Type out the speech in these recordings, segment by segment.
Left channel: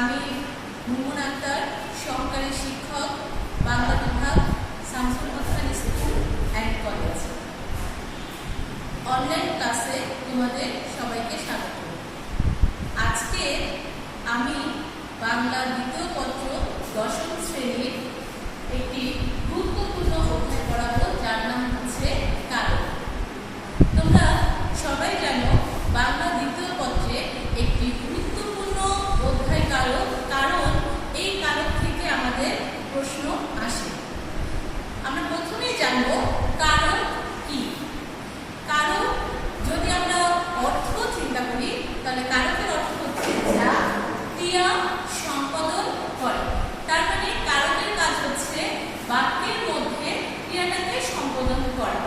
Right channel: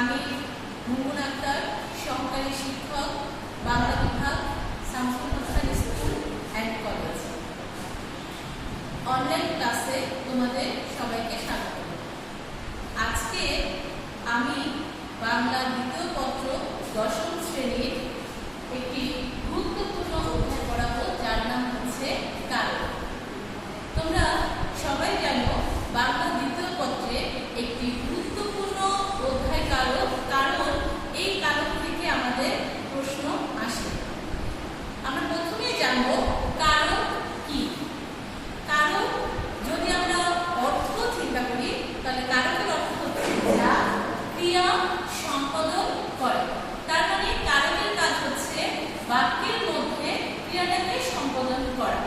আমি মুনমুন আক্তার, সহকারী শিক্ষক, বাংলা বিভাগ, Shamsul Hasan school and college. Online ক্লাসে তোমাদের সবাইকে স্বাগত। আজকে আমি বাংলা দ্বিতীয় পত্র দশম শ্রেণীর একটি গুরুত্বপূর্ণ অধ্যায় পড়াবো, যার নাম হচ্ছে কারক। তোমরা সবাই জানো বাংলা দ্বিতীয় পত্রে একটি গুরুত্বপূর্ণ অধ্যায় কারক, কারণ এই কারক থেকে আমাদের প্রশ্ন আসে। আমরা প্রথমেই জানবো কারক কি। কারক যদি আমরা অর্থ চিন্তা করি, তাহলে কারকের অর্থ হচ্ছে যা ক্রিয়া সম্পাদন করে। তার মানে কারকের কাজ হচ্ছে বাক্যের মধ্যে ক্রিয়াটাকে সম্পাদন করা।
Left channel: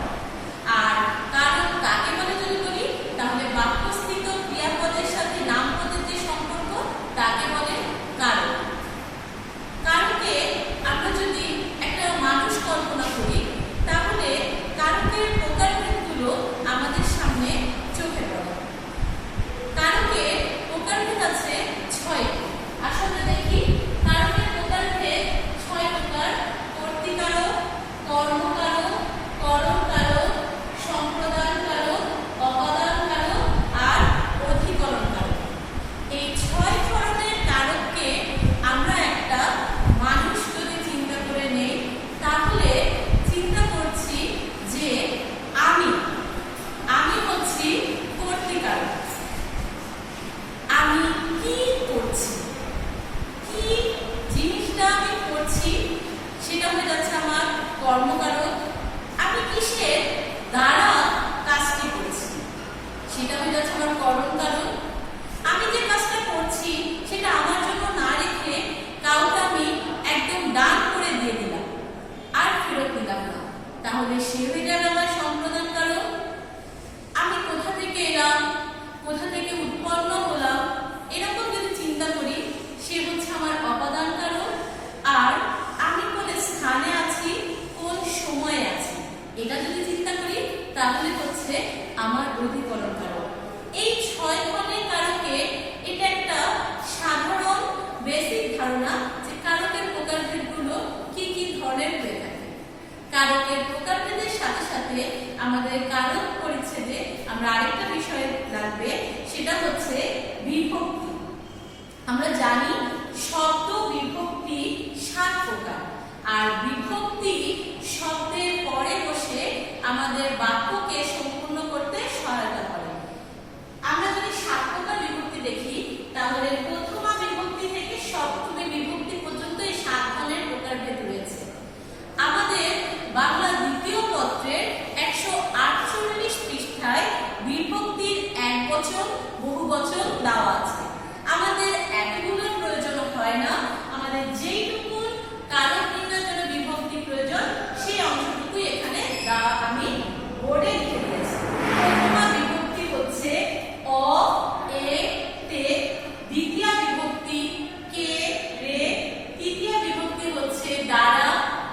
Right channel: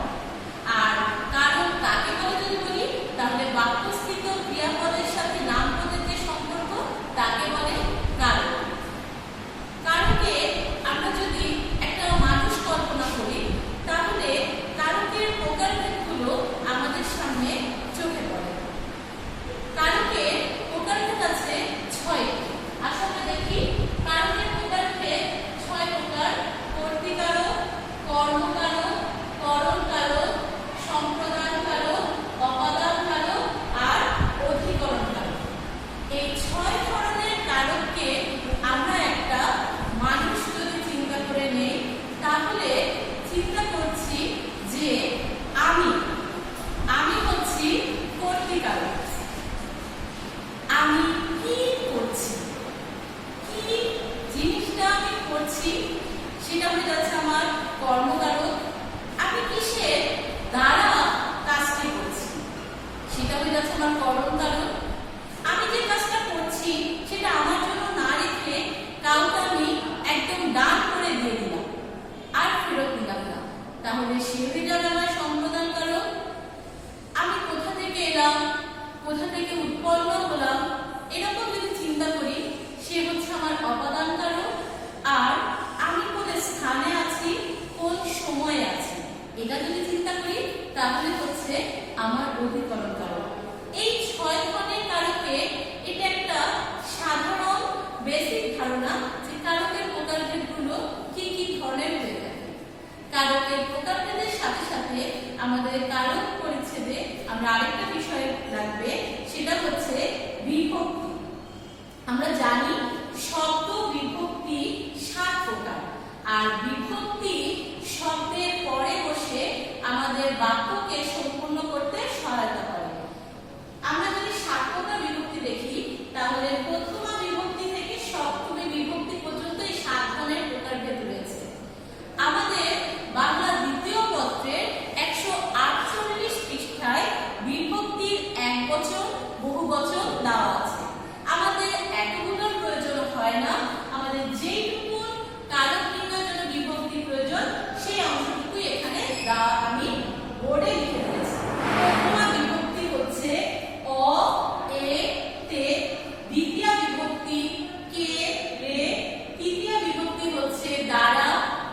আর কারক কাকে বলে যদি বলি, তাহলে বাক্যস্থিত ক্রিয়াপদের সাথে নামপদের যে সম্পর্ক তাকে বলে কারক। কারকে আমরা যদি একটা মানুষ কল্পনা করি, তাহলে কারকের প্রকারভেদগুলো আমাদের সামনে চোখে পড়ে। কারকের প্রকারভেদ আছে 6টি। আসলে দেখি কারকের প্রকারভেদ 6 প্রকার: কর্তৃকারক, কর্মকারক, করণকারক, সম্প্রদানকারক, অপাদানকারক আর অধিকরণকারক। এই 6 ধরনের কারককে আমরা একটা মানুষ যদি চিন্তা করে নেই, তাহলে চিন্তা করছি যে আমি হচ্ছি কর্তৃকারক। আমি কি করছি, কি জিনিসটা আমি করছি সেটা হয়ে যাচ্ছে আমার কর্মকারক। আমি কিসের দ্বারা কাজটি করছি সেটা হয়ে যাচ্ছে আমার করণকারক। আমি যে কাজটা করছি সেটা আমার জন্য না রেখে কাউকে আমি একদম দান করে দিয়ে দিলাম আর ফেরত নিলাম না, তাহলে সে হয়ে যাবে আমার সম্প্রদানকারক। আমি কোথা থেকে এলাম, কোথা থেকে উৎপন্ন হলাম, এরকম যদি চিন্তা করি, সে হচ্ছে আমার অপাদানকারক। আর আমি কোন স্থানে আছি, কোন সময়ে আছি, এটা যদি চিন্তা করি, তাহলে হচ্ছে আমার অধিকরণকারক। এই 6 ধরনের কারকে এটা একটা সাধারণ বেসিক ধারণা যে কারকের প্রকারভেদগুলো কি কি ধরনের হয়ে থাকে। কারকের প্রকারভেদের সাথে সাথে আমাদের কারক পরিচ্ছেদে আমরা আরেকটা বিষয় লাগবে, সেটা হচ্ছে বিভক্তি। আমরা জানি শব্দ বিভক্তি 7 প্রকার, আর বিভক্তি শব্দের পরে বসে আমাদের বাক্যকে সম্পূর্ণ করতে সহায়তা করে। আমরা যদি 7 প্রকার বিভক্তি দেখি, তাহলে প্রথমা বিভক্তি থেকে সপ্তমী বিভক্তি পর্যন্ত এই 7 ধরনের প্রকারভেদ রয়েছে। আমাদের বাংলা দ্বিতীয় পত্রের 148 পৃষ্ঠায় বিভক্তির একবচন, বহুবচন দেওয়া আছে। আমাদের এতগুলোর প্রয়োজন হয় না, আমাদের যেইটুকু কারক নির্ণয়ের জন্য বিভক্তি প্রয়োজন সেই অংশটুকু এখানে আমি বোর্ডে লিখে দিয়েছি। প্রথমা বিভক্তি হচ্ছে অ, এ, তে। দ্বিতীয় বিভক্তি কে, রে। তৃতীয় বিভক্তি হচ্ছে দ্বারা,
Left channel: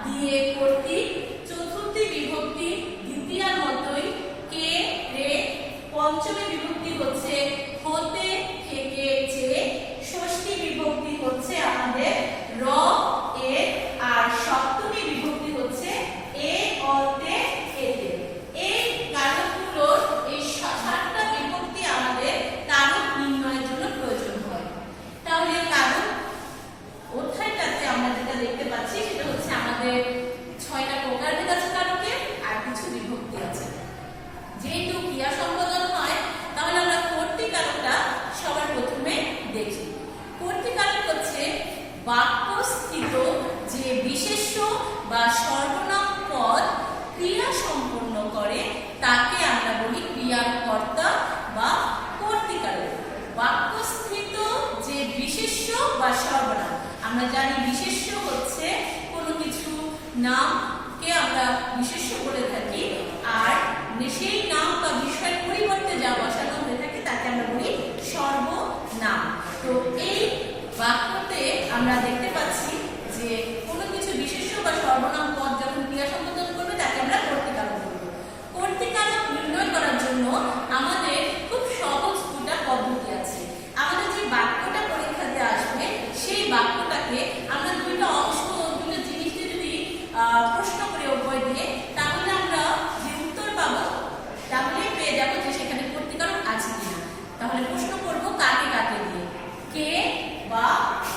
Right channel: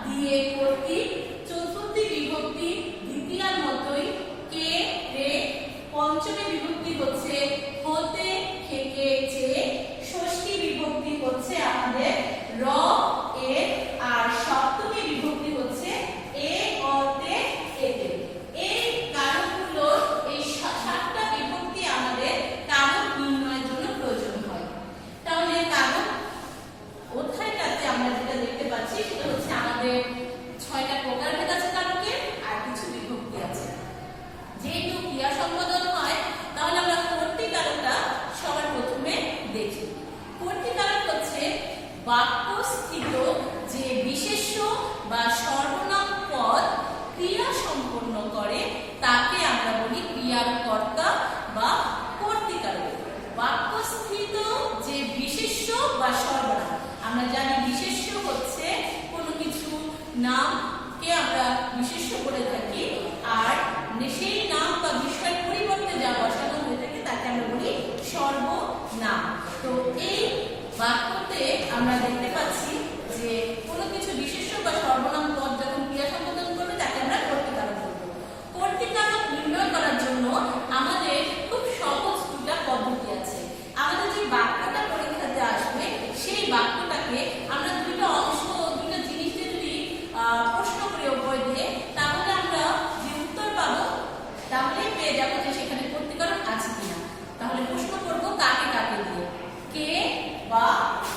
দিয়ে, কর্তৃক। চতুর্থী বিভক্তি দ্বিতীয়ার মতোই কে, রে। পঞ্চমী বিভক্তি হচ্ছে হতে, থেকে, যে। ষষ্ঠী বিভক্তি হচ্ছে আমাদের র, এ। আর সপ্তমী বিভক্তি হচ্ছে এ, অতে, এতে। এই কারকগুলোর এই 7টা বিভক্তি আমাদের কারক নির্ণয়ের জন্য প্রয়োজন হয়। তাহলে কারক অধ্যায়টাতে আমরা যেটা দেখতে পাচ্ছি সেটা হচ্ছে আমাদের 6টা প্রকারভেদ আছে কারকের, আর কিছু বিভক্তি আছে। যেহেতু ক্রিয়া সম্পাদন হয়, তাহলে আমরা কর্তৃকারকটা সবার প্রথমে দেখি। কর্তৃকারক হচ্ছে বাক্যস্থিত যে বিশেষ্য বা সর্বনাম পদ ক্রিয়া সম্পন্ন করে তাকে আমরা বলি ক্রিয়ার কর্তা বা কর্তৃকারক। বাক্যস্থিত যে বিশেষ্য বা সর্বনাম, আমরা জানি বিশেষ্য হচ্ছে কোনো কিছু নামকে আমরা বিশেষ্য বলে থাকি, আর সেই নাম বা বিষয়ের পরিবর্তে যা বসানো হয়ে থাকে তাকে আমরা বলি সর্বনাম। তো এই বাক্যতে আমরা দেখতে পাচ্ছি যে কোনো কিছু বিশেষ্য বা সর্বনাম পদ যখন ক্রিয়া সম্পাদন করবে তাকে আমরা কর্তৃকারক বলবো। কর্তৃকারক নির্ণয় করার জন্য আমাদের খুব সহজ 2টা পদ্ধতি আছে। আমাদের যে বাক্যটা পরীক্ষাতে আসবে থাকে, আমরা দুইটা অংশ দুইটা জিনিসকে যদি প্রশ্ন করি অব্যয় দিয়ে, তাহলে আমরা যে উত্তর পাবো তাহলে পেয়ে যাবো যে সেখানে কর্তৃকারক আছে কিনা। তাহলে প্রশ্ন করব কাকে কাকে দিয়ে, কে বা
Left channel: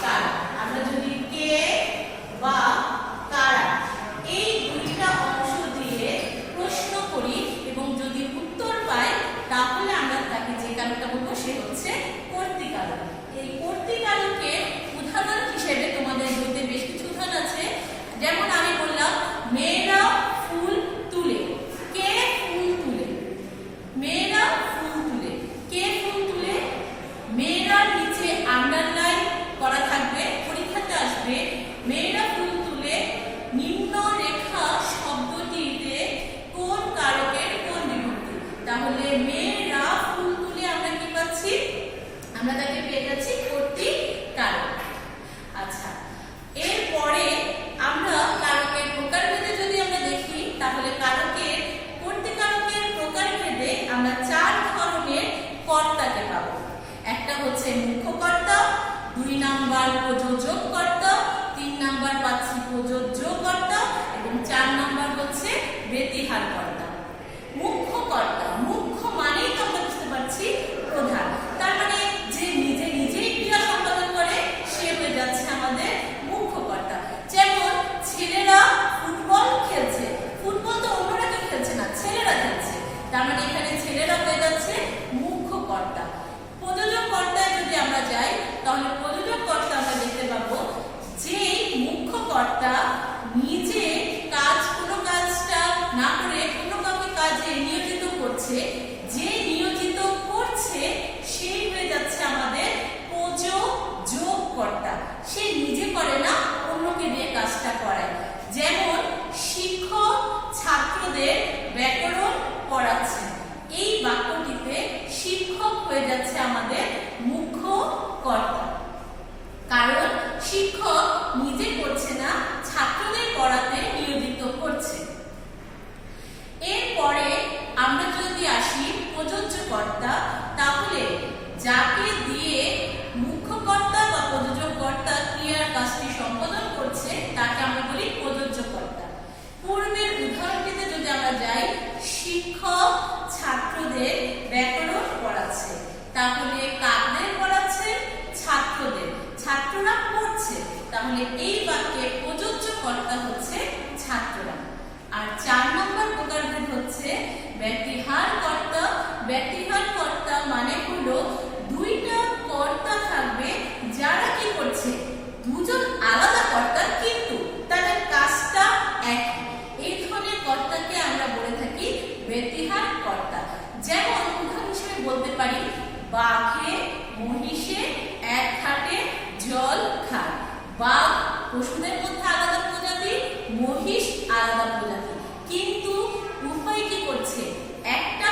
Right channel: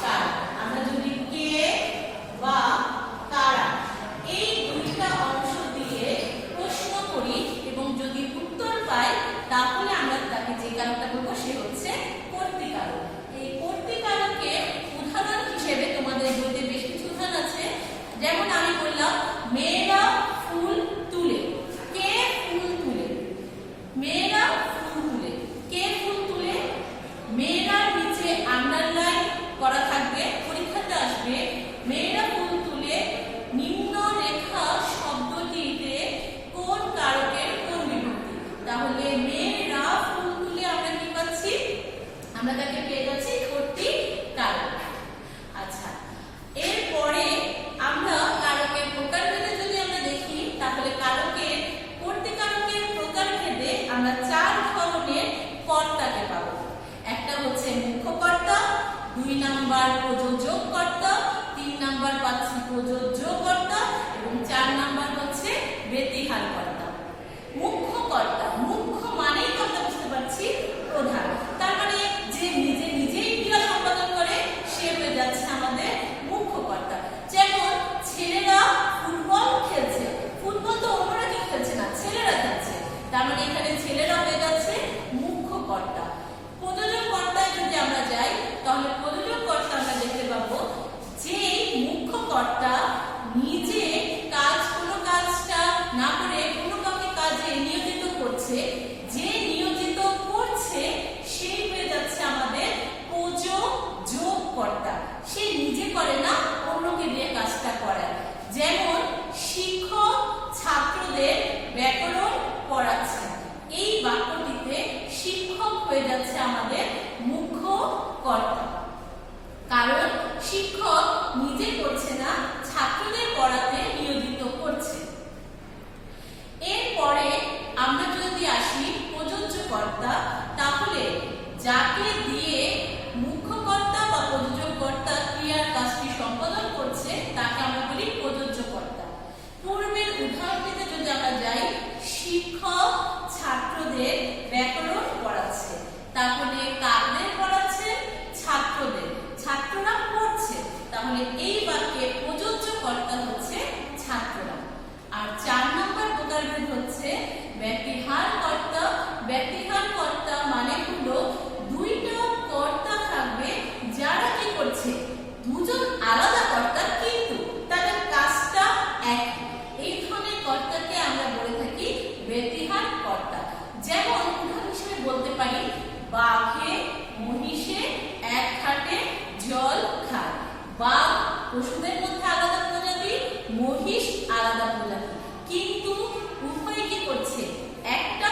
কারা। আমরা যদি কে বা কারা এই দুইটা অংশ দিয়ে প্রশ্ন করি এবং যদি উত্তর পাই, তাহলে আমরা তাকে যে কারকটা বলবো সে হচ্ছে কর্তৃকারক। এই কর্তৃকারকের উদাহরণ হিসেবে তোমাদের বইতে বেশ কিছু উদাহরণ আছে। যেমন আমি বললাম মেয়েরা ফুল তুলে, কে ফুল তুলে, মেয়েরা ফুল তুলে, কে ফুল তুলে। মেয়েরার নিচে আন্ডারলাইন করা থাকবে, পরীক্ষাতে আসবে মেয়েরা ফুল তুলে নিম্ন রেখা শব্দটিতে কোন কারকের কোন বিভক্তি। তাহলে মেয়েরা ফুল তুলে আমরা কি পাচ্ছি, আমরা তাকে পেয়ে যাচ্ছি কর্তৃকারক। আচ্ছা, এরপরে আমরা কারকের প্রকারভেদে যদি আমরা দেখি, তাহলে কারকের কর্তৃকারকের প্রকারভেদে আমরা 4 ধরনের কর্তাকে পাবো। একটা হচ্ছে মুখ্য কর্তা, 2 নাম্বার প্রযোজক কর্তা, 3 নাম্বার পাচ্ছি প্রযোজ্য কর্তা এবং 4 নাম্বার হচ্ছে ব্যতিহার কর্তা। মুখ্য কর্তা, মুখ্য মানেই তো আমরা বুঝতে পারছি প্রধান, তার মানে যে নিজে নিজেই ক্রিয়া সম্পাদন করে সে হয়ে যাচ্ছে আমাদের মুখ্য কর্তা। যেমন ছেলেরা ফুটবল খেলছে, ফুটবল তো অন্যরা কেউ খেলছে না, ছেলেরা খেলছে, তার মানে এখানে ছেলেরা হয়ে যাচ্ছে মুখ্য কর্তা। প্রযোজক কর্তায় যদি আমরা যাই, তাহলে প্রযোজক কর্তা আমরা দেখতে পাবো যে মুখ্য কর্তা নিজে কোনো কাজটা না করে অন্য কাউকে কাজে নিয়োজিত করছে, যে নিয়োজিত করছে সেই হয়ে যাচ্ছে আমাদের প্রযোজক কর্তা। সে নিজে করে না, অন্যকে দিয়ে কাজটা করায়। যেমন শিক্ষক ছাত্রদের ব্যাকরণ পড়াচ্ছে, এই বাক্যটিতে শিক্ষক হয়ে যাচ্ছে আমাদের মুখ্য কর্তা, কারণ শিক্ষক নিজে করছে না, ছাত্রদের পড়াতে নিয়োজিত করছে। এরপরে আমরা যদি আসি প্রযোজ্য কর্তা, তাহলে যাকে দিয়ে মুখ্য কর্তা বা প্রযোজক কর্তা ক্রিয়ার কাজটি সম্পাদন করছে তাকে আমরা বলি প্রযোজ্য কর্তা। পূর্বের উদাহরণটিতে যদি আমরা যাই, শিক্ষক ছাত্রদের ব্যাকরণ পড়াচ্ছে, তাহলে কাদের পড়াচ্ছে, ছাত্রদের, ছাত্ররা পড়ছে, তাহলে এই বাক্যে প্রযোজ্য কর্তা হচ্ছে ছাত্ররা। আর 4 নম্বর প্রকারভেদ হচ্ছে ব্যতিহার কর্তা। ব্যতিহার কর্তা মানে হলো দুইটা কর্তা থাকবে যারা কি করছে, দুজন আলাদা কর্তা কিন্তু তাদের কাজটা একই, এই ধরনের কর্তাকে আমরা বলে থাকি ব্যতিহার কর্তা। যেমন উদাহরণ হিসেবে বলতে পারি বাঘে মহিষে এক ঘাটে জল খায়। বাঘ পশুদের মধ্যে আলাদা প্রজাতি, মহিষ আলাদা প্রজাতি, কিন্তু উভয় কি করছে, একটা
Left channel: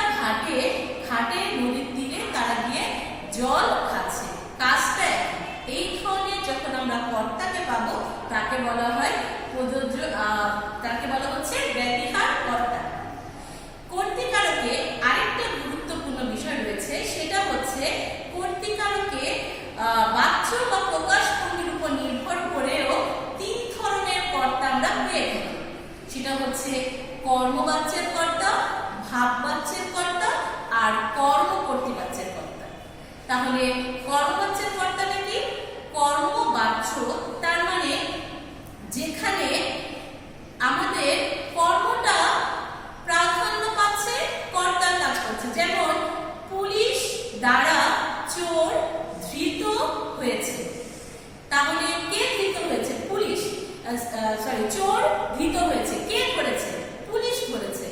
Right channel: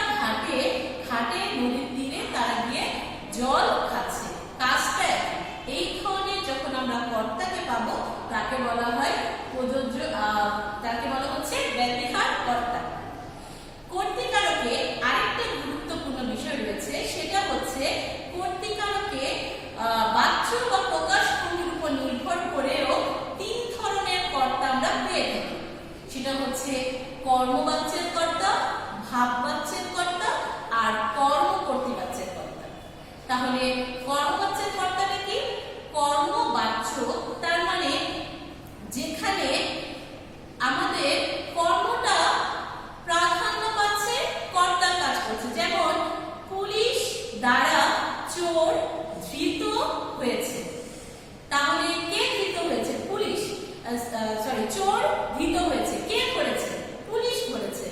ঘাটে নদীর তীরে তারা গিয়ে জল খাচ্ছে, কাজটা একই। এই ধরনের যখন আমরা কর্তাকে পাবো তাকে বলা হয় প্রযোজ্য, তাকে বলা হচ্ছে ব্যতিহার কর্তা। কর্তৃকারকে আরেকটা গুরুত্বপূর্ণ বিষয় রয়েছে, সেটা হচ্ছে কর্তৃকারকে বাচ্য বা প্রকাশ ভঙ্গির উপর নির্ভর করেও 3 ধরনের কর্তা আমরা পেয়ে থাকি। সেটা হচ্ছে কর্মবাচ্যের কর্তা, ভাববাচ্যের কর্তা আর কর্মকর্তৃবাচ্যের কর্তা। তাহলে কর্মবাচ্যের কর্তাটা কি, কর্মবাচ্য তার মানে যেখানে আমাদের কর্মটা প্রাধান্য পাচ্ছে, কর্তার কাজ করছে। যেমন পুলিশ দ্বারা চোর ধৃত হয়েছে, তাহলে কে ধৃত হয়েছে, পুলিশ, চোর ধৃত হয়েছে, কে করেছে, পুলিশ করেছে।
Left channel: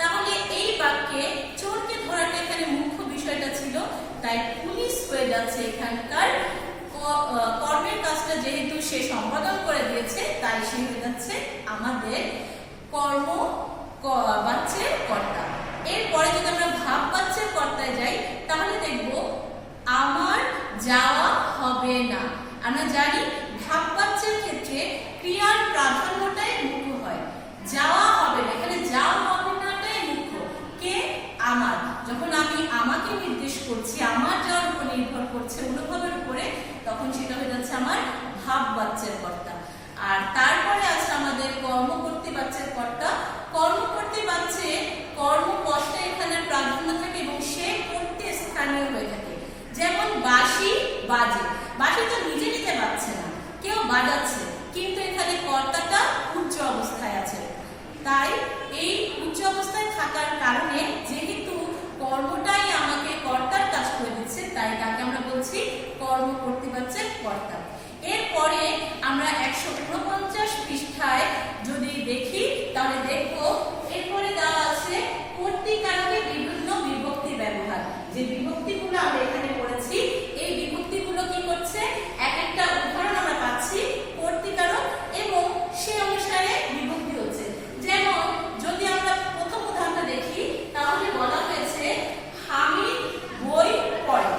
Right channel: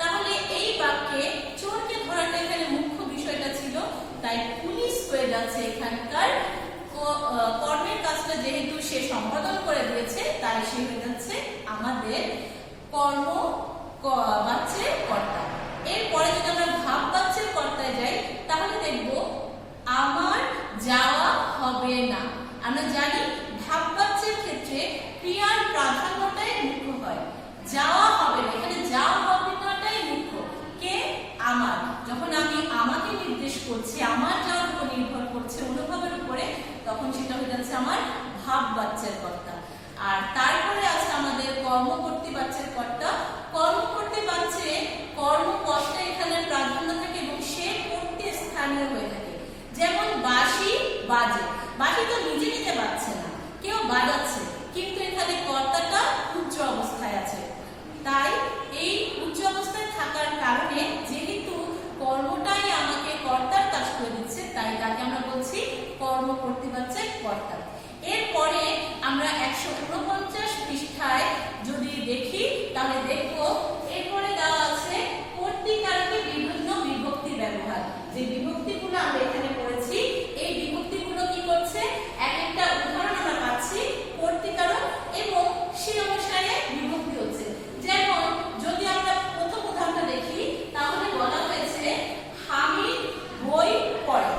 তাহলে এই বাক্যে চোরকে ধরাটা এখানে মুখ্য বিষয়টা ছিল, তাই পুলিশ হয়ে যাচ্ছে এখানকার কর্মের কাজটা, যেহেতু সে সম্পাদন করে দিয়েছে তাই সে হয়ে যাচ্ছে আমাদের কর্মবাচ্যের কর্তা। এরপরে যদি আমরা ভাববাচ্যের কর্তায় যাই, তাহলে দেখব আমার যাওয়া হবে না। আমরা জানি ভাববাচ্যের ক্ষেত্রে ক্রিয়ার প্রাধান্যটাই মুখ্য হয়, যাওয়া হবে না, এখানে যাওয়া হবে নাটাই মুখ্য। কে, আমার, যখন আমি আমাকে নির্দেশ করছি, আমার যাওয়ার উপর নির্ভর করছে অনুভবের উপরে, তখন সেটা হয়ে যাচ্ছে আমার ভাববাচ্যের কর্তা। আর তারপরে আছে আমাদের কর্মকর্তী বাচ্যের কর্তা। কর্মকর্তী বাচ্যে কর্মকর্তা এখানে প্রাধান্য থাকে এবং সে কর্তৃ স্থানীয় হয়ে থাকে। যেমন বাঁশি বাজে, বাঁশি তো নিজে নিজে বাজছে না, কেউ বাজাচ্ছে, কিন্তু এখানে কর্তাটা উচ্চ অবস্থায় আছে। তাই এই উচ্চ অবস্থায় থাকার কারণে যেহেতু কর্মটাই আমাকে কর্তার কাজ করে দিচ্ছে, তাই তাকে আমরা বলছি কর্মকর্তী বাচ্যের কর্তা। এরপরে আমরা 149 পৃষ্ঠায় যদি দেখি তাহলে দেখব এরপরে দেওয়া আছে কর্তৃকারকে বিভিন্ন বিভক্তি ব্যবহার। যে বিভক্তিগুলো আমরা এখানে পড়েছি এই বিভক্তিগুলো কি করছে, এক একটা উদাহরণ আমরা পাচ্ছি কর্তৃকারক এবং সে অনুসারে বিভক্তি হচ্ছে। যেমন যদি আমরা প্রথম উদাহরণটা দেখি তাহলে বলা হয়েছে হামিদ বই পড়ে।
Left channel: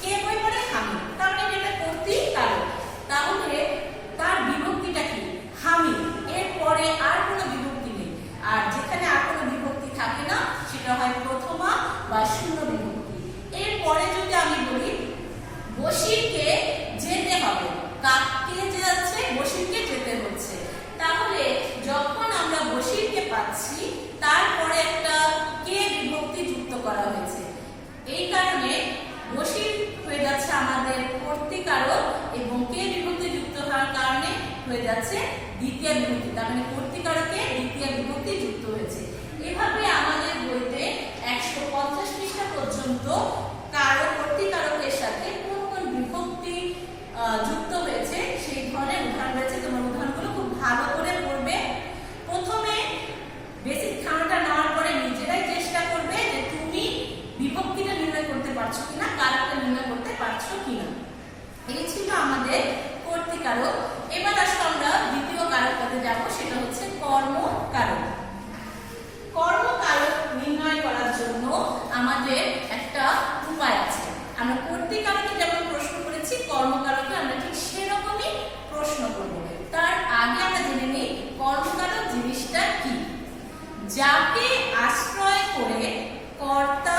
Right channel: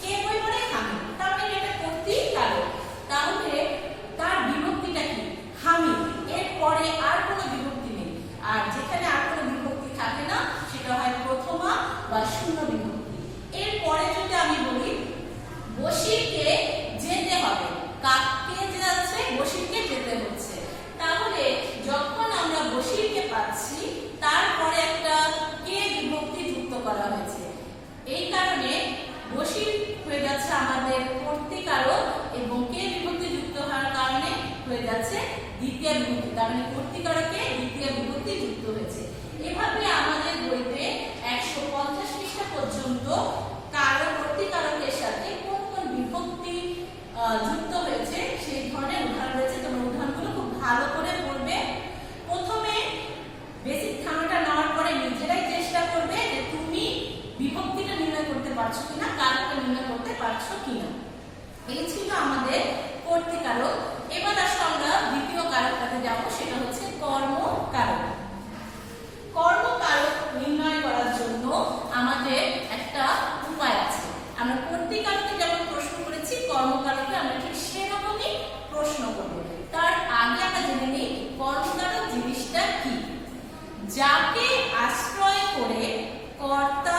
কে বই পড়ে? হামিদ। তাহলে এটা কর্তৃকারক। তাহলে তার বিভক্তিটা কি? হামিদ। এরপরে আর কোনো বিভক্তি নেই। আর যেখানে আর কোনো বিভক্তি থাকে না সেটা হয় প্রথমা বা শূন্য বিভক্তি। এরপরে যদি আমি বলি বশিরকে যেতে হবে, কাকে যাচ্ছে? বশিরকে যেতে হচ্ছে। তাহলে যখন আমরা বশিরকে পাচ্ছি তারপরে একটা কে বিভক্তি যুক্ত করা হয়েছে, এই কারণে বশির হয়ে যাচ্ছে আমাদের কর্তৃকারক এবং কে বিভক্তি যুক্ত হওয়ার কারণে হয়ে যাচ্ছে দ্বিতীয় বিভক্তি। তার মানে কর্তৃকারকে দ্বিতীয় বিভক্তি যুক্ত হয়েছে। এভাবে আমাদের বইতে 150 পৃষ্ঠা পর্যন্ত কারো কর্তৃকারকের সাথে কোন কোন বিভক্তি যুক্ত হয়েছে সেই ধরনের উদাহরণ রয়েছে। তোমার উদাহরণগুলো খুব ভালো করে পড়বে। প্রথমে বেসিক ধারণাটা নেওয়ার পরে নিজেরাই চেষ্টা করবে যে তুমি বিভক্তিটা নির্ণয় করতে পারছো কিনা, কারকটা নির্ণয় করতে পারছো কিনা। এই ছিল আমাদের কর্তৃকারক। এবার আসলে আমরা দ্বিতীয় কারকটাতে যাব, সেটা হচ্ছে কর্মকারক। কর্মকারক নির্ণয় করার জন্য আমাদের একটা উপায় আছে। আমরা কর্তৃকারকে যেমন প্রশ্ন করেছি কর্মকারককে আমরা ঠিক সেরকমই প্রশ্ন করব। তার আগে আমরা জেনে নিই কর্মকারক জিনিসটা কি। যাকে আশ্রয় করে কর্তা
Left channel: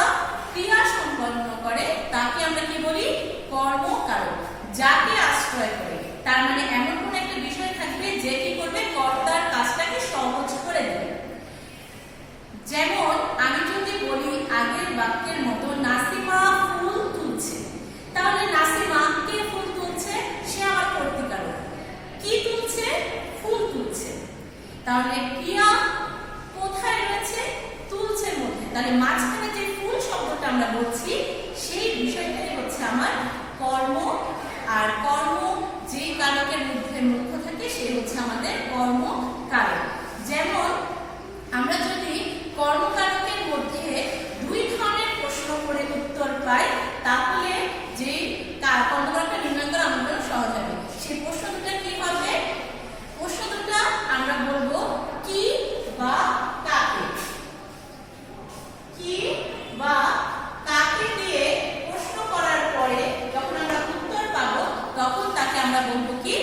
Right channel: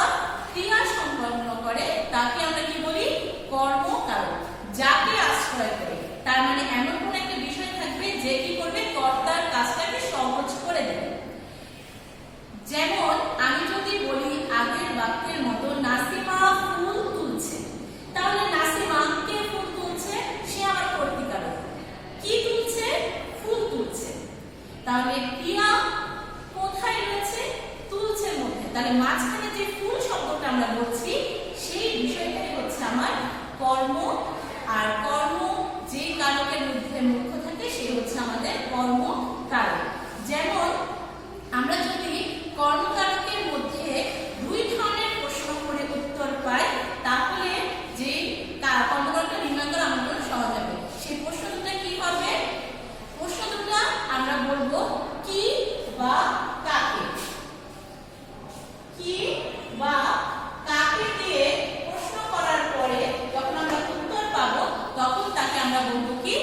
ক্রিয়া সম্পন্ন করে তাকে আমরা কি বলি? কর্মকারক। যাকে আশ্রয় করে তার মানে এমন কোন একটা বিষয় থাকবে যে কি করবে, কর্তার কাজটাকে সহজ করে দেবে। যেমন আমি যদি বলি আগের বাক্যের মতো নাসিমা ফুল তুলছে, তাহলে নাসিমা কে ফুল তুলছে? সে আমার কর্তৃকারক। কি তুলছে? ফুল তুলছে। তাহলে ক্রিয়া কোথায় রয়েছে? তুলছে মধ্যে। তাহলে মাঝখানে যে ফুল শব্দটা আমরা বলছি সেই বিষয়টাই হচ্ছে আমার কর্ম। আর কর্ম যে কারকের মধ্যে মুখ্য থাকে সে হচ্ছে আমাদের কর্মকারক। যেমন আমরা যদি কর্মকারকের মধ্যে দুই ধরনের প্রশ্ন করে উত্তর পাই তাহলে যে কর্মকারকটা নির্ণয় করা আমাদের জন্য সহজ হবে। সেই প্রশ্ন দুটো কি হবে? প্রশ্ন দুটো আমরা বলবো কি বা কাকে। কি বা কাকে দিয়ে প্রশ্ন করার পরে যখন আমরা উত্তর পাবো তখন তাকে আমরা বলবো কি?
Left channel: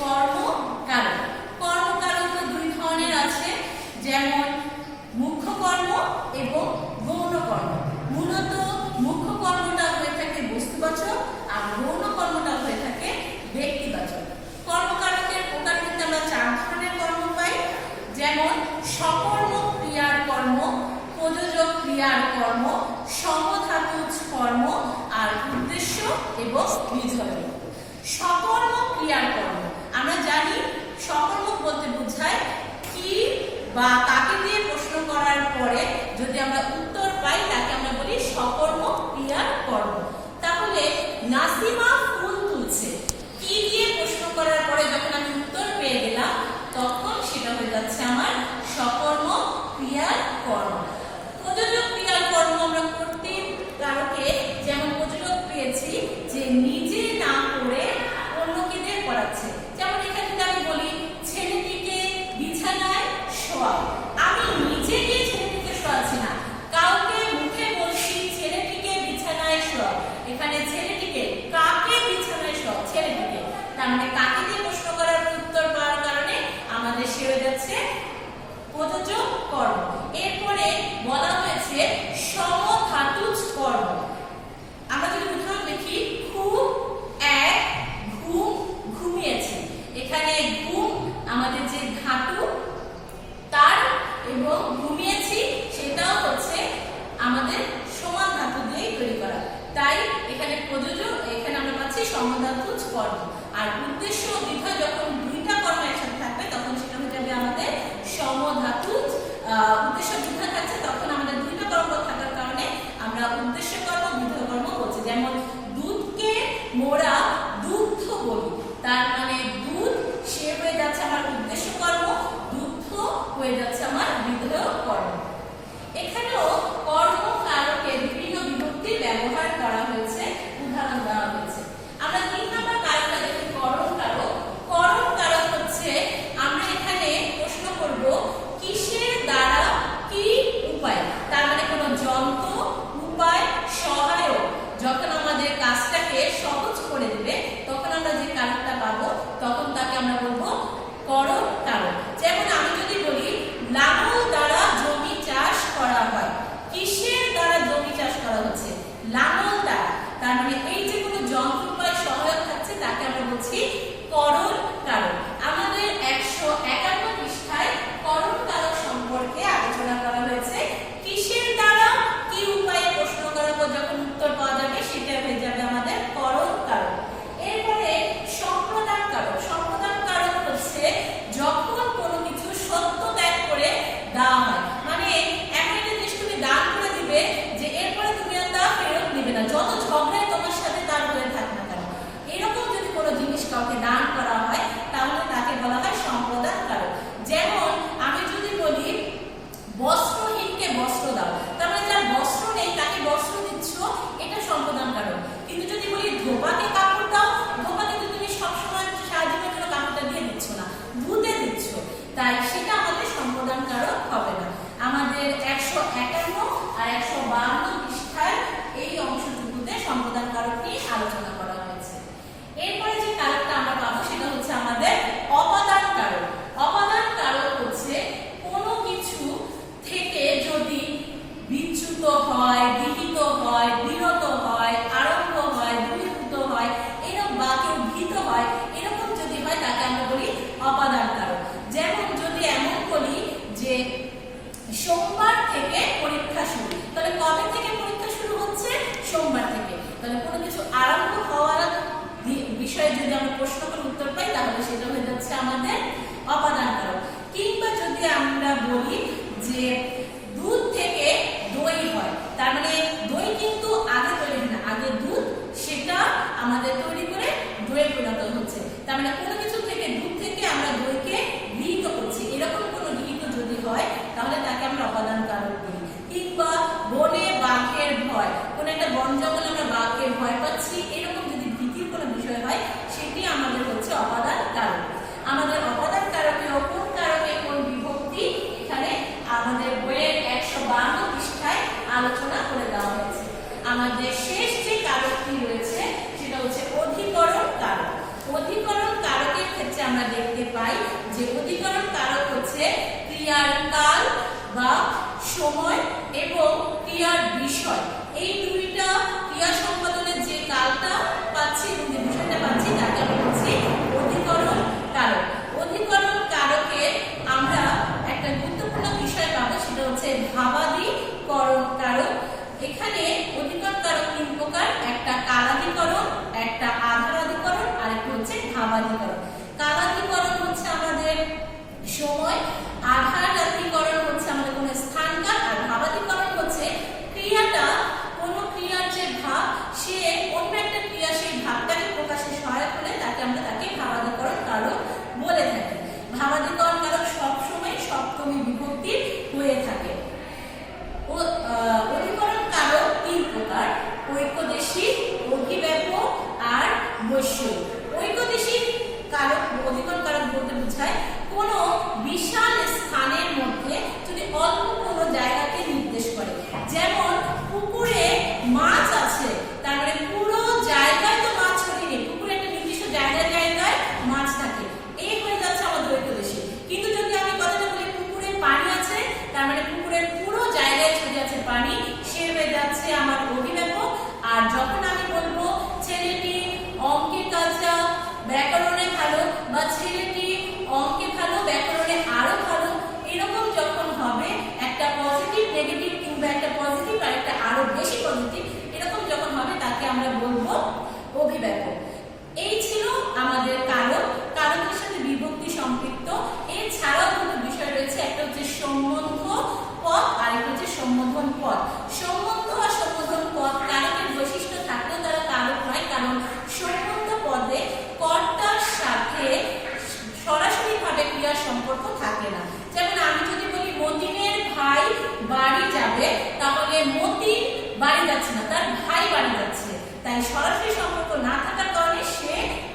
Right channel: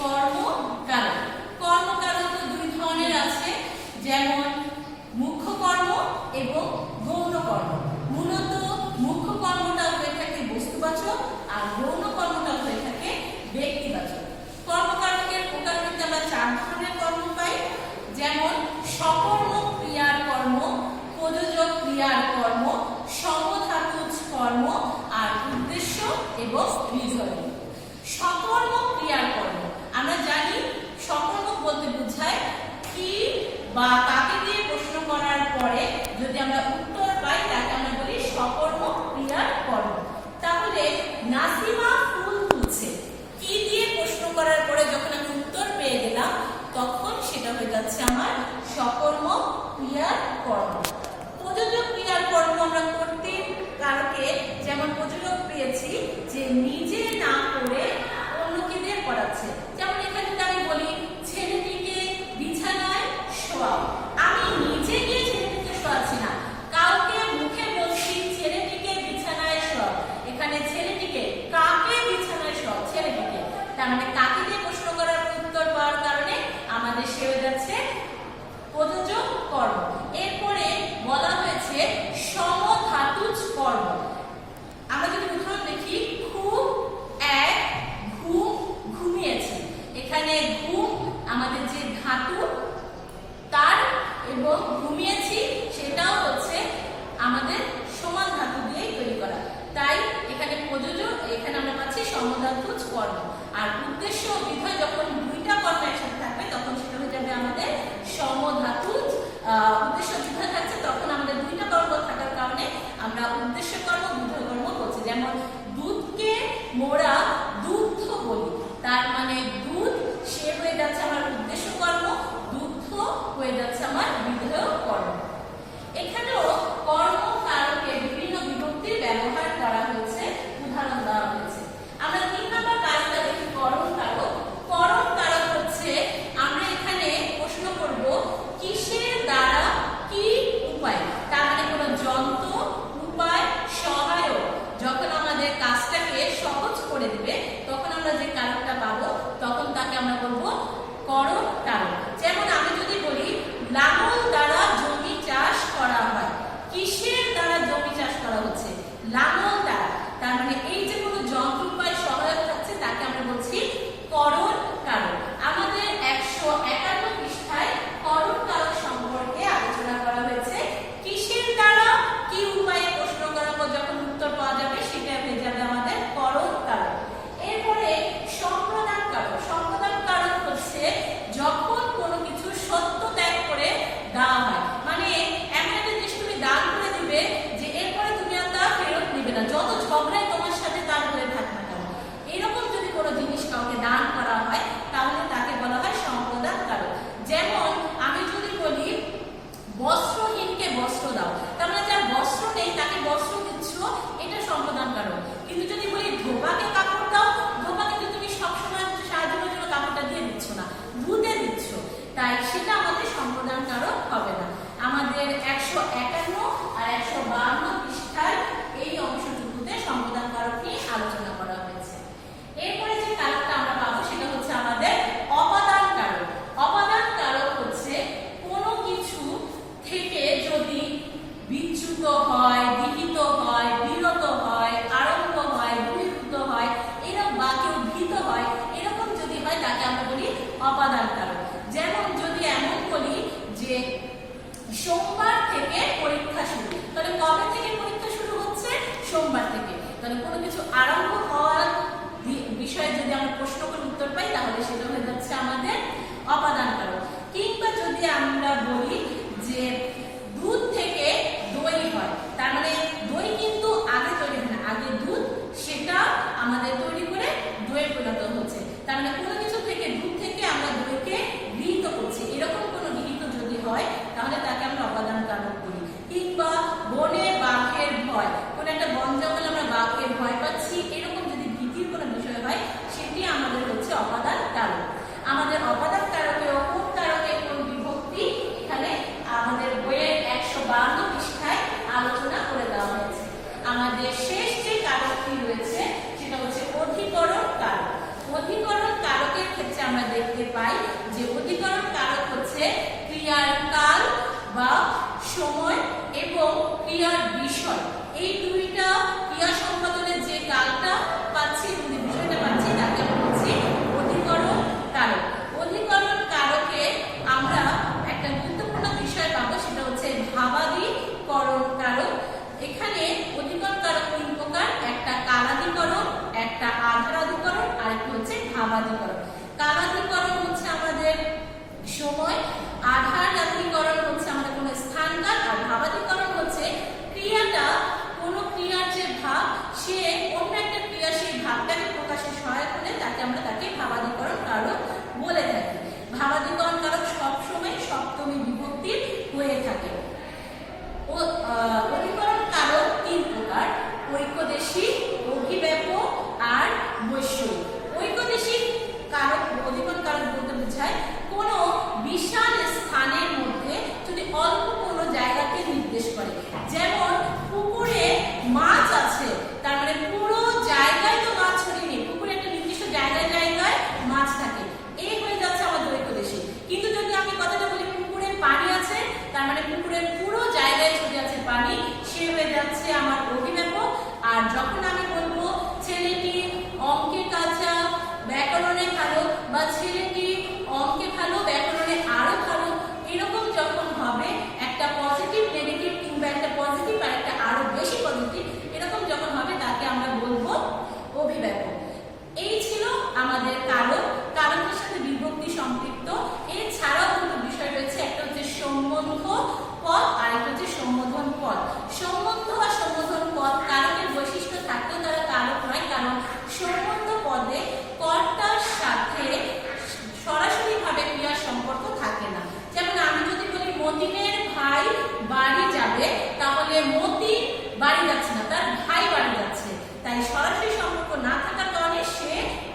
কর্মকারক। কর্মকারক দুই ধরনের আছে, যেমন মুখ্য কর্ম এবং গৌণ কর্ম। মূলত মুখ্য কর্মটা হয়ে থাকে বস্তুবাচক আর গৌণ কর্মটা হয়ে থাকে ব্যক্তিবাচক। কর্মকারকের প্রকার কিন্তু আমরা 4 ধরনের কর্ম পাই, যেমন সকর্ম ক্রিয়ার কর্ম, প্রযোজক ক্রিয়ার কর্ম, সমধাতুজ কর্ম আর উদ্দেশ্য এবং নির্ধারণ। সকর্ম ক্রিয়ার কর্ম আমরা জানি সকর্মক বলতে বোঝায় কি বা কাকে দিয়ে প্রশ্ন করার পরে যদি আমরা উত্তর পাই তাকে আমরা বলি সকর্ম ক্রিয়ার কর্ম। তাহলে নাসিমা ফুল তুলছে, কি দিয়ে প্রশ্ন করার পরে যখন আমি উত্তর পেয়ে গেলাম তখন সেটা হয়ে যাচ্ছে আমার সকর্ম ক্রিয়ার কর্ম। প্রযোজক ক্রিয়ার কর্ম আমরা করতে কারকে যেমন প্রযোজক পেয়েছি যে নিজে না করে অন্যকে দিয়ে করাচ্ছে। যেমন এখানে যদি আমি বলি ছেলেটিকে বিছানায় শোয়াও, আমি নিজে গিয়ে ছেলেটিকে শোয়াচ্ছি না, কাউকে মুখে বলছি ছেলেটিকে বিছানায় শোয়াও। এখানে ছেলেটিকে কাকে বিছানায় শোয়াও? ছেলেটিকে। তার মানে কাকে দিয়ে প্রশ্ন করার উত্তর পাওয়ার কারণে আমাদের সে হয়ে যাচ্ছে প্রযোজক কর্ম। এরপরে বলা হয়েছে সমধাতুজ কর্ম। আমরা যদি উদাহরণ দেখি খুব এক ঘুম ঘুমিয়েছে, সমধাতুজ কর্ম। আর উদ্দেশ্য ও বিধেয় যখন দুইটা কর্ম একসাথে থাকবে তখন সেটা হয়ে যাবে আমাদের সমধাতুজ। উদ্দেশ্য বিধেয় থাকছে তখন আমাদের দুইটা কর্ম থাকার কারণে আমরা উদ্দেশ্য কর্ম বিধেয় কর্ম বলছি। যেমন দুধকে মোরা দুগ্ধ বলি, তার মানে দুধ সে হয়ে যাচ্ছে আমার উদ্দেশ্য কর্ম, দুগ্ধ হয়ে যাচ্ছে আমার বিধেয় কর্ম। এখানেও কর্ম কারকে বিভিন্ন বিভক্তির ব্যবহার করা হয়েছে, উদাহরণ দেওয়া হয়েছে। আমরা 3 নম্বর কারকটা দেখি, করণ কারক। করণ কারক হচ্ছে আমরা এখানে প্রশ্ন করব কিসের দ্বারা কি উপায়, তার মানে কোনো যন্ত্র, উপায়, সহায়ক যখন আমাদের কাজটাকে সহজ করে দিবে তখন আমরা যে কারকটা পাবো তখন তাকে আমরা বলবো করণ কারক। যেমন আমি যদি বলি লাঙল দ্বারা জমি চাষ করা হয়, কিসের দ্বারা জমি চাষ করা হচ্ছে, লাঙল দ্বারা, তার মানে এই যে কোনো যন্ত্র উপায় সহায়ক থাকছে তাকে আমরা বলছি করণ কারক। আমাদের 151 পৃষ্ঠায় করণ কারক সম্পর্কে আলোচনা করা হয়েছে। কিসের দ্বারা কি উপায়ে প্রশ্ন করার পর যখন উত্তর পাওয়া যাবে সেটা হয়ে যাবে আমাদের করণ কারক। এরপরে সম্প্রদান কারক। সম্প্রদান কারক হচ্ছে যখন কোনো কিছু সত্য ত্যাগ করে দেওয়া হয়, মানে এমন একটা জিনিস তুমি দান করে দিবে যে এরপরে তুমি আর তা ফেরত দিবে না, যত ঝগড়াই তোমার সাথে তার হয়ে থাক না কেন, এরকম যদি কোনো জিনিস কাউকে দান করা হয় তাহলে তাকে বলা হয় সম্প্রদান কারক। যেমন আমি যদি বলি বস্ত্রহীনকে বস্ত্র দাও, তার মানে যার বস্ত্র নেই তাকে বস্ত্র দিচ্ছ, এটা সম্প্রদান কারক। কিন্তু যদি বলি ধোপাকে কাপড় দাও, ধোপা কিন্তু তুমি সবসময় সাহায্যের জন্য কাপড়টা দিয়ে দিচ্ছ না, ধুতে দিচ্ছ, তাই সেটা আমাদের সম্প্রদান কারক হবে না। আমাদের 151 আর 152 পৃষ্ঠার এই অংশটুকুতে সম্প্রদান কারক নিয়ে আলোচনা করা হয়েছে। এরপরে যে কারকটা আমরা পাবো সেটা হচ্ছে আমাদের অপাদান কারক। অপাদান কারক হচ্ছে কোনো কিছু থেকে যদি বিচ্যুত হয়, বিহিত হয়, বিরত হয়, আরম্ভ হয়, বহির্ভূত হয়, এরকম বা কেউ ভীত হয়, এরকম যদি হয় তাকে আমরা বলি অপাদান কারক। যেমন যদি এমন বলি যে সোমবার থেকে পরীক্ষা শুরু, তাহলে কবে থেকে পরীক্ষা শুরু হচ্ছে? সোমবার থেকে। তাহলে কোনো কিছু আরম্ভ হওয়ার বিষয়ে যদি আমরা প্রশ্ন করে উত্তর পাই তাহলে সেটা হয়ে যাচ্ছে আমাদের অপাদান কারক। কিংবা যদি আমরা বলি যে দুধ থেকে দই হয়, তার মানে দই কিন্তু আগে তৈরি হয় না, আগে দুধ সেটা আমাদের তৈরি করে দইয়ে পরিণত হচ্ছে, তার মানে কোনো কিছু থেকে দুধ থেকে আমরা দইকে গৃহীত করছি, এরকম কোনো গৃহীত যদি হয় তাহলে তাকে আমরা অপাদান কারক বলি। কিংবা বনে বাঘের ভয়, কোনো একটা বন জঙ্গলে আমরা বাঘকে ভয় পাচ্ছি, এরকম যদি ভীতির কোনো বিষয় হয় সেটি আমাদের হচ্ছে অপাদান কারক। আমাদের অপাদান কারকেও কোন কারকে কোন বিভক্তি এখানে আমাদের বইয়ের 152 পৃষ্ঠায় আলোচনা করে দেওয়া হয়েছে। আমাদের শেষ যে কারকটি রয়েছে সেটা হচ্ছে অধিকরণ কারক। অধিকরণ কারকের ক্ষেত্রে আমরা দেখতে পাই যে অধিকরণ কারক হচ্ছে ক্রিয়ার কাল বা সময় এবং ক্রিয়ার বিষয়, এই দুইটা ক্রিয়া সম্পাদনের যে কালটা পাচ্ছি এবং যে বিষয়টা পাচ্ছি তাকে আমরা বলছি অধিকরণ কারক। অধিকরণ কারকে আমরা একটা গুরুত্বপূর্ণ বিষয় পাবো সেটা হচ্ছে ভাবাদিকরণ কারক। এখানে অধিকরণ কারক 3 প্রকার, একটা কালাদিকরণ, একটা আধারাদিকরণ আর একটা হচ্ছে ভাবাদিকরণ। কালাদিকরণ হচ্ছে আমাদের সময়, আধারাদিকরণ হচ্ছে আমাদের কোনো স্থানকাল, আর ভাবাদিকরণ হচ্ছে ক্রিয়াটা কোনো ক্রিয়ার যে ভাব সে অন্য একটা ক্রিয়া সেই ভাবটাকে প্রকাশে সহায়ক হলে তাকে আমরা ভাবাদিকরণ কারক বলে থাকি। ভাবাদিকরণ কারক সবসময় সপ্তমী বিভক্তির হয়ে থাকে। অধিকরণ কারক 3 প্রকার, ঐকদেশিক, অভিব্যাপক আর বৈষয়িক। ঐকদেশিক কারক অধিকরণ কারক বলতে বোঝায় কোনো বিশাল স্থানের মধ্যে যদি অল্প কোনো জায়গাকে নির্দেশ করে, যেমন পুকুরে মাছ আছে তার মানে পুরো জায়গায় তো মাছ ছড়িয়ে নেই, পুকুরে একটা নির্দিষ্ট জায়গায় জায়গায় মাছ থাকে, এই হয়ে যাচ্ছে আমাদের ঐকদেশিক। কিন্তু যদি আমি কথাটা বলি পুকুরে পানি আছে তার মানে পুকুরের পুরো জায়গায় ছড়িয়ে আছে পানি, সে হয়ে যাচ্ছে আমার অভিব্যাপক। আর যখন আমি বলবো ছেলেটি অঙ্কে কাঁচা ব্যাকরণে ভালো বা ছেলেটি অঙ্কে ভালো ব্যাকরণে আরো ভালো, এরকম যখন হবে একটা পজিটিভ নেগেটিভ কিংবা একটা পজিটিভ আর একটা আরো বেশি পজিটিভ, এরকম যখন হবে তাকে আমরা বলবো অভিব্যাপক। এই আমাদের কারক, কারকের সাথে বিভক্তি সম্পৃক্ত। এছাড়াও দুটো বিষয় রয়েছে, একটা হচ্ছে সম্বন্ধ পদ আর একটা হচ্ছে সম্বোধন পদ। সম্বন্ধ আর সম্বোধন পদ কারকের বৈশিষ্ট্য থাকলেও তারা কারক নয়, কারণ সম্বন্ধ পদে কর্তার সাথে সরাসরি ভাবে ক্রিয়ার সম্পর্ক থাকে না। যেমন আমি যদি বলি মতিনের ভাই বাড়ি যাবে, তাহলে মতিন বাড়ি যাচ্ছে না, তার ভাই বাড়ি যাচ্ছে, তাই সরাসরি সম্পর্ক না থাকার কারণে সে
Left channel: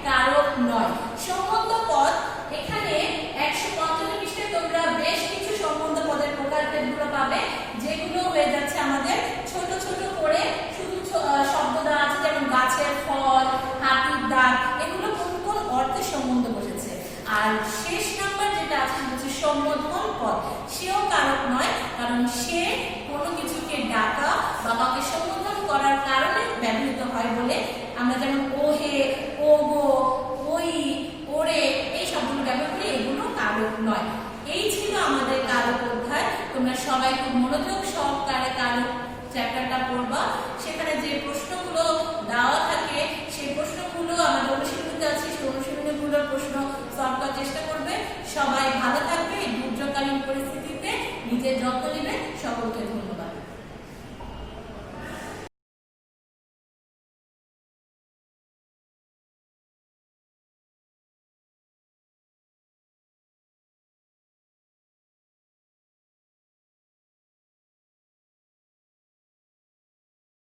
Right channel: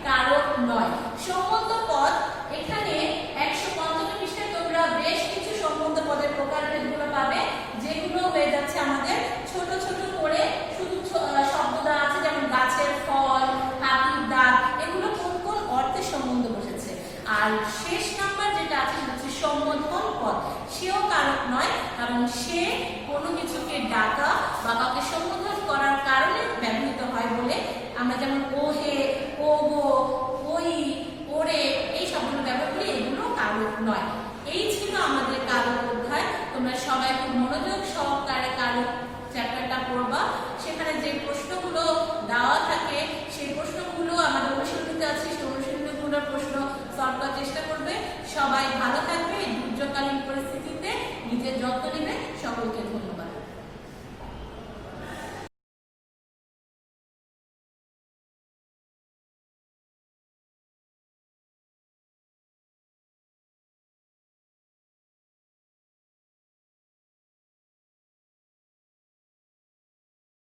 কারক নয়। সম্বন্ধ পদ এখানে 155 পৃষ্ঠায় তোমরা বেশ কিছু সম্বন্ধ পদের প্রকারভেদগুলো পাবে, যেগুলো হয়ে যাচ্ছে আমাদের ছোট ছোট করে শুধু শব্দ দেওয়া আছে, যেমন গাছের ফল, হাতির দাঁত, এগুলো কোন কোন অর্থে সম্বন্ধ বসেছে। আর শেষ নাম্বার যেটা আছে হচ্ছে সম্বোধন পদ, সেও কারক নয়, কারণ সে কোনো কিছুকে ডাকা বা কাউকে সম্বোধন করার কারণে ব্যবহৃত হয় বলে আমরা যেমন ও হে, ও গো, ওই, ওরে এই শব্দগুলো ব্যবহার করি, এগুলো কারক নয়। এই ছিল আমাদের কারক অধ্যায়। তোমরা সবাই খুব মনোযোগ সহকারে কারক চ্যাপ্টারটা পড়বা। সেখানে যে প্রশ্নগুলো দেওয়া থাকে সেই প্রশ্নগুলো আমাদের অনুশীলনীতে আছে, সেই অনুশীলনীগুলোর প্রশ্ন সলভ করার চেষ্টা করবে। সবাই ভালো থাকবে।